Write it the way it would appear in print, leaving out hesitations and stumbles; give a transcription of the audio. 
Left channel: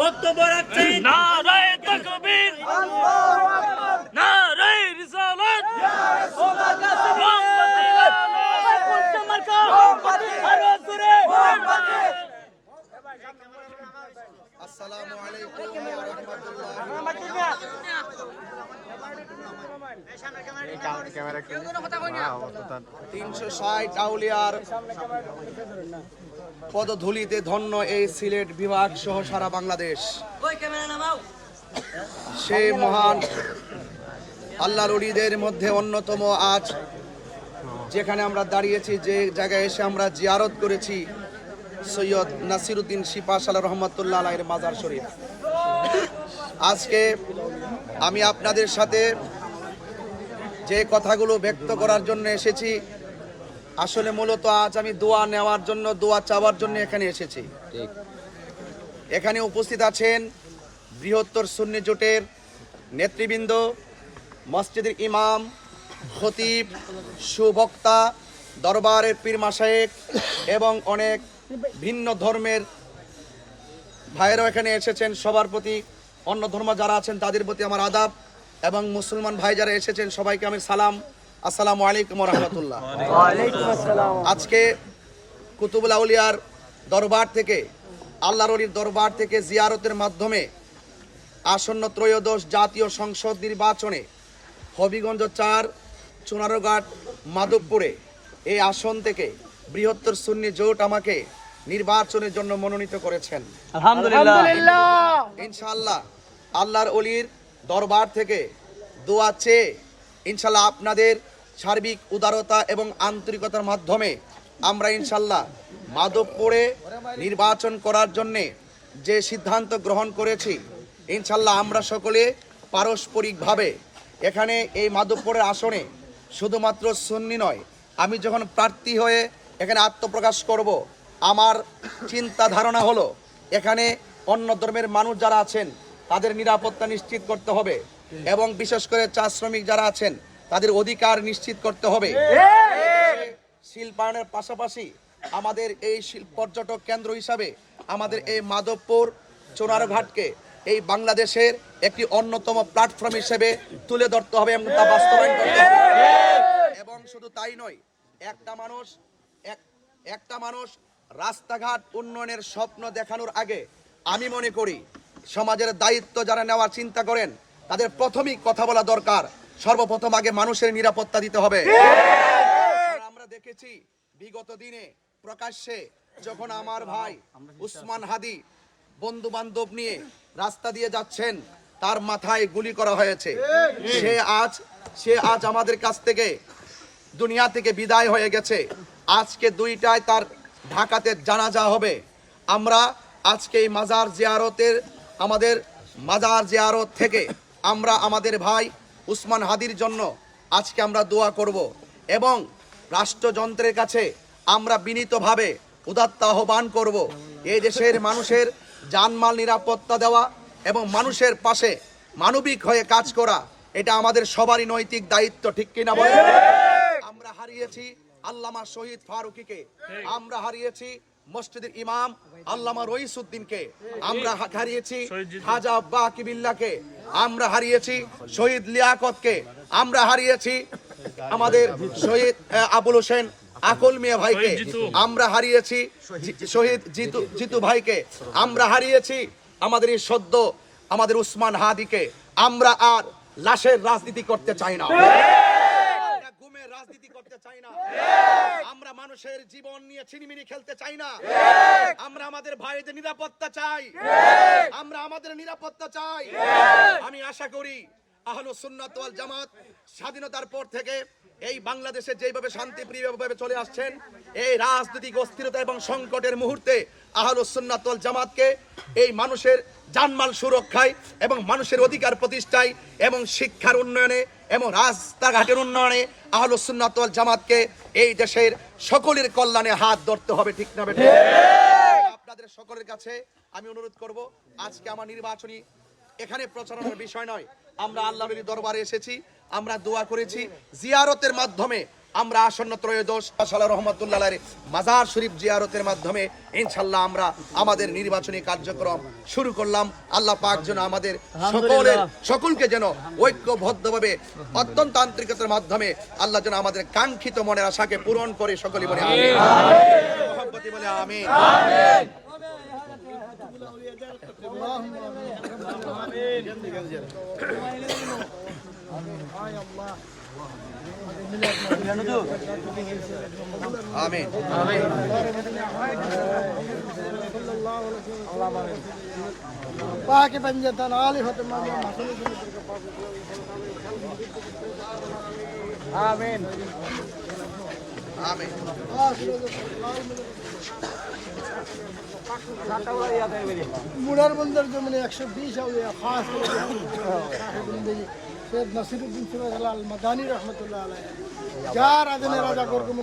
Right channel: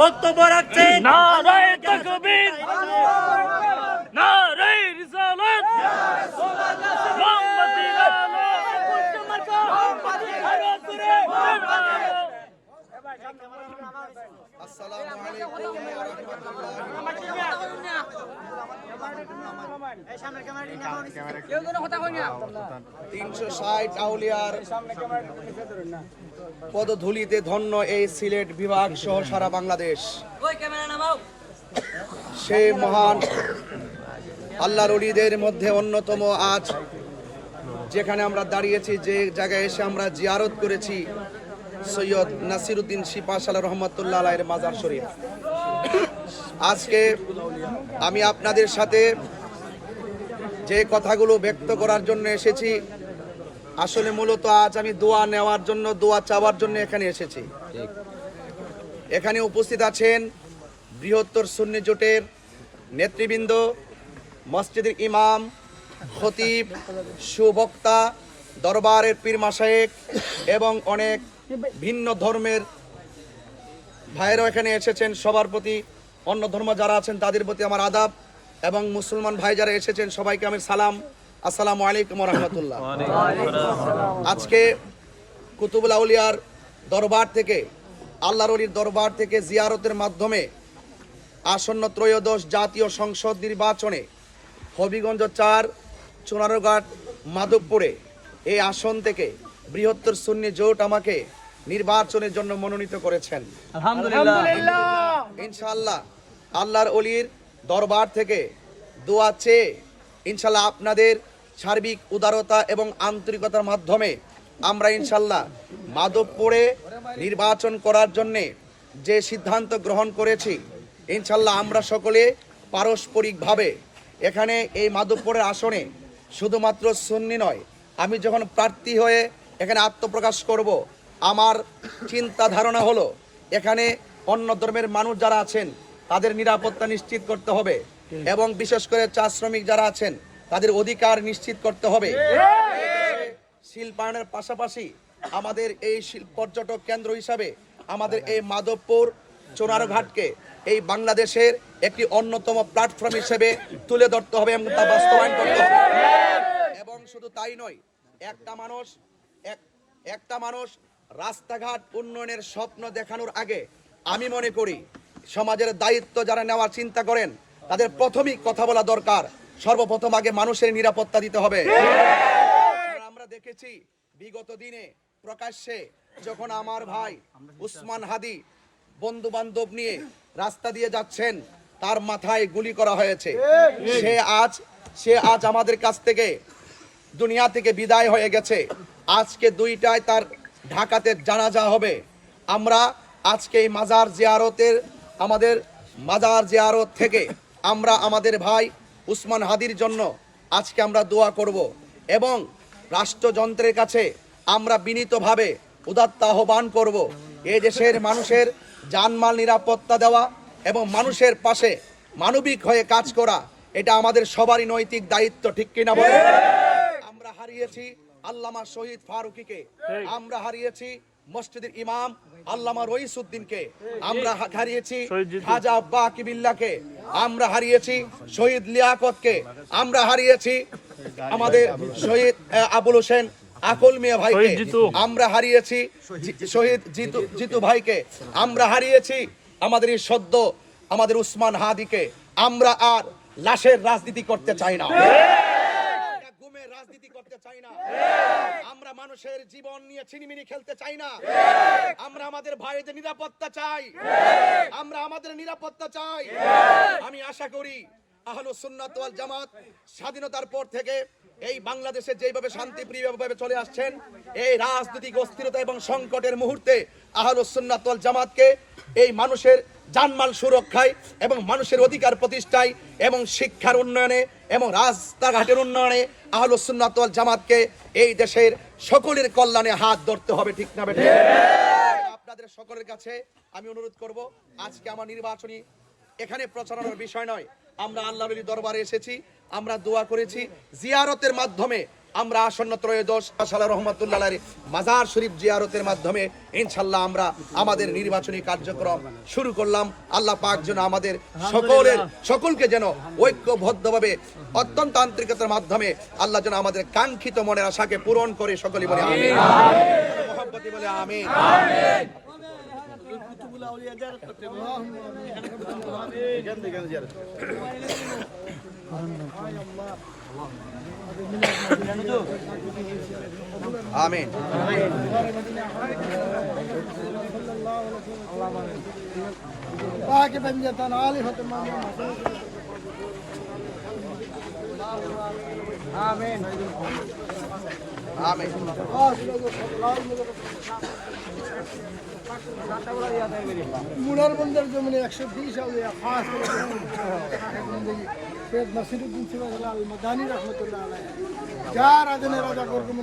বক্তব্য রাখছেন নারায়ে তাকবীর, নারায়ে রিসালাত, মোমবাতির আলো, আসসালামু আলাইকুম ওয়া রাহমাতুল্লাহি ওয়া বারাকাতুহু। 360 আউলিয়ার পদধূলিতে ধন্য এই সিলেট বিভাগ সহ সারা বাংলাদেশ। সেই মহান আল্লাহর ওলিদের মধ্যে অন্যতম আজ যেখানে আমরা দাঁড়িয়েছি, যে জায়গায় এসে আমরা জিয়ারত করেছি সৈয়দ নাসিরউদ্দিন সিপাহসালাহ রহমাতুল্লাহ আলাইহির মাজার শরীফ। আজকে আমি আপনাদের সাথে যে কথাগুলো ব্যক্ত করার জন্য এসেছি, আসলে মূলত আজ আমি দোয়া নেওয়ার জন্য, দোয়া চাওয়ার জন্য এখানে এসেছি। এখানে উপস্থিত আছেন বৃহত্তর সুন্নি জোটের নেতৃবৃন্দ, মসজিদের ইমাম, খতিব, সুবক্তা, দরবারের পীর মাশায়েখ এবং অনেক ভিন্ন ধর্মের ভাইয়েরাও এখানে এসেছেন। সবার প্রতি, অন্য ধর্ম যারা আছেন তাদের প্রতি আমার আদাব, এবং মুসলমান ভাই যারা এসেছেন সবাইকে আমি সালাম, আসসালামু আলাইকুম ওয়া রাহমাতুল্লাহ। আজকে কুতুবুল আউলিয়ার দরবার থেকে, আল্লাহর ওলির দরবার থেকে জিয়ারতের মাধ্যমে আসন্ন ত্রয়োদশ জাতীয় সংসদ নির্বাচনে হবিগঞ্জ 4 চুনারঘাট মাধবপুরে এই আসন থেকে বৃহত্তর সুন্নি জোট আমাকে নির্বাচনের জন্য মনোনীত করেছেন। আলহামদুলিল্লাহ। ইনশাআল্লাহ আল্লাহর ওলির দরবার থেকে দোয়া চেয়ে ইনশাআল্লাহ আপনাদের সার্বিক উদারতা এবং আন্তরিকতার মাধ্যমে আমরা ইনশাআল্লাহ মাধবপুরে নির্বাচন করার জন্যে যে সিদ্ধান্ত গ্রহণ করেছি, ইনশাআল্লাহ আমরা সকলে পারস্পরিকভাবে এখানে এই মাধবপুরের আসনে শুধুমাত্র সুন্নি নয়, আমি যখন প্রার্থী হয়ে এখানে আত্মপ্রকাশ করব, আমার চিন্তা ধারণা হলো এখানে অন্য ধর্মের মানুষ যারা আছেন তাদের নিরাপত্তা নিশ্চিত করতে হবে, এবং বিশেষ করে চা শ্রমিক যারা আছেন তাদের অধিকার নিশ্চিত করতে হবে। শিল্পায়নের পাশাপাশি আমাদের এই পর্যটক কেন্দ্র হিসাবে আমাদের এই মাধবপুর চুনারঘাটকে এই বাংলাদেশের একটি অন্যতম প্ল্যাটফর্ম হিসেবে তুলে ধরতে হবে এবং তা বাস্তবায়ন করতে হবে। এবং শুধু তাই নয়, একটা মানুষ রাস্তাঘাট উন্নয়নের স্বপ্ন দেখানোর আগে আমি মনে করি সমাজের দায়িত্ব যারা নেওয়ার চিন্তা করেন তাদের প্রথমেই কথা বলা দরকার, সর্বপ্রথম আগে মানুষের নিরাপত্তা দিতে হবে। আমরা দেখেছি বিগত দিনে প্রকাশ্যে যখন আমার ভাই উসমান হাদি বন্ধু বান্ধব নিয়ে রাস্তা দিয়ে যাচ্ছেন, তার মাথায় গুলি করা হয়েছে। সে আজ আমাদের কাছ থেকে দুনিয়া থেকে বিদায় হয়ে গেছে। আজকে 2টায় তার ঢাকাতে জানাজা হবে। আমরা আজকে এই মাজার জিয়ারত থেকে আমরা আমাদের ভাই উসমান হাদির জন্য আজকে আমরা দোয়া করব, এবং রাষ্ট্রযন্ত্রের কাছে আমরা বিনীতভাবে উদাত্ত আহ্বান করব, এই দেশের মানুষের জানমাল নিরাপত্তা দেওয়া এবং মানুষের পাশে মানবিক হয়ে কাজ করা, এটা আমাদের সবারই নৈতিক দায়িত্ব, ঠিক কিনা বলেন? আমরা হারিয়েছি আল্লামা শহীদ ফারুকীকে, আমরা হারিয়েছি মসজিদের ইমাম আল্লামা রইসউদ্দিনকে, আমরা হারিয়েছি খাজা বাকি বিল্লাহকে, আমরা হারিয়েছি শহীদ লিয়াকতকে, আমরা হারিয়েছি আমাদের শহীদ আবুল হোসেন আকল মিয়া ভাইকে, আমরা হারিয়েছি শহীদ জিতু ভাইকে, আমরা হারিয়েছি আমাদের এই সদ্য আমাদের উসমান হাদিকে। আমরা আর লাশের রাজনীতি করতে চাই না, গুমের রাজনীতি করতে চাই না, আমরা মানুষের জীবন নিয়ে ছিনিমিনি খেলতে চাই না, আমরা আমাদের ভাইদের নিরাপত্তা চাই, আমরা আমাদের নিরাপত্তা চাই। আমি আশা করি আহলুস সুন্নাত ওয়াল জামাত স্বাধীনতার পর থেকে এই বাংলাদেশে যেভাবে শান্তিপ্রিয়ভাবে চলে আসছেন, এই রাজনৈতিক অস্থিরতা এবং সংকটের মুহূর্তে আহলুস সুন্নাত ওয়াল জামাতকে এই মানুষের জানমাল সুরক্ষায় এবং মানুষের অধিকার প্রতিষ্ঠায় এবং শিক্ষার উন্নয়নে এবং রাস্তাঘাটের উন্নয়নে আহলুস সুন্নাত ওয়াল জামাতকে এই দেশের সকলের কল্যাণে হাত ধরতে হবে, ঠিক না বেঠিক? আপনাদের সকলের কাছে আমি অনুরোধ করব, আজকে আমার নির্বাচনী এখানে প্রচারণার বিষয় নয়, আমরা আল্লাহর দরবারে এসেছি, আমরা দোয়া করেছি, জিয়ারতের মাধ্যমে আমরা আসন্ন ত্রয়োদশ সালে রহমতুল্লাহ মাজার শরীফ জিয়ারতের মাধ্যমে ইনশাল্লাহ আমরা আমাদের নির্বাচনী কার্যক্রম শুরু করলাম। আল্লাহ পাক যেন আমাদের সকলকে যেন ঐক্যবদ্ধভাবে অত্যন্ত আন্তরিকতার মাধ্যমে আল্লাহ যেন আমাদের কাঙ্ক্ষিত মনের আশাকে পূরণ করে, সকলে বলে আমিন, মহব্বতে বলে আমিন। আমিন। पाक बंजतन आले फतमा में आमीन আমিন। मुनर बंदर जो मैंने 120 हो गया खास शेख नसीरुद्दीन सिराज लाल मदानी रहमतुल्लाह अलैह 4 आदमी राजा गोरकुंड